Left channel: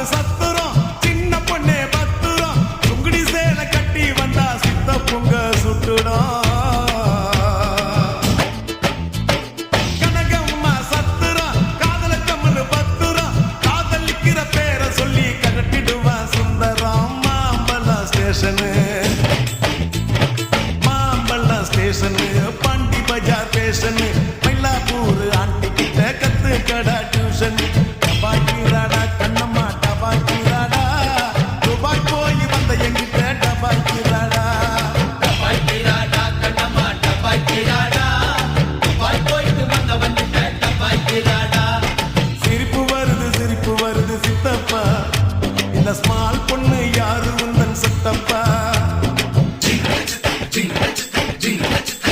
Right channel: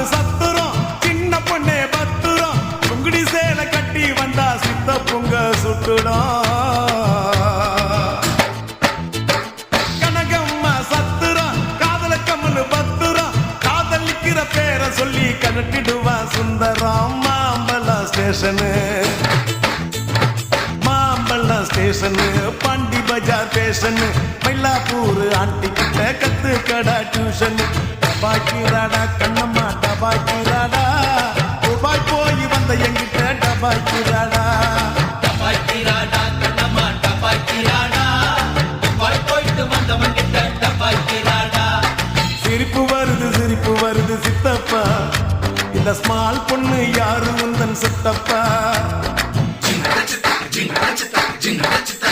ஊரு சத்துரும் சின்ன பொண்ணே பத்துரும் சுங்குடி சேலை கட்டி வந்தா சித்த பொங்க சுட்டுடும் கனகம்மா சத்துரும் காதல கம்மனு பத்துரும் காதலிக்கிற பேரை சொல்லி கலட்டிடுவான் சுந்தரம் மாம்பழம் ஸ்டேஷனு மாம்பழம் ஸ்டேஷனு பாண்டி பஜார் பேஷனு மயிலாப்பூர் ஆண்டி கிட்ட கத்து கடா டியூஷன் டபாய்க்கிறாடா கண்ணம்மா டபாய்க்கிறாடா துபாய் போய் வந்த எங்கிட்ட டபாய்க்கிறாடா டபாய்க்கிறாடா கண்ணம்மா டபாய்க்கிறாடா துபாய் போயிட்டு வந்தவங்கிட்ட டபாய்க்கிறாடா சிரிப்பு வருது சித்தப்பா இந்த ஸ்மால் பொண்ணு யாரு உந்தன் சித்தப்பா ஜிங்க நச்சிதா ஜிங்க நச்சிதா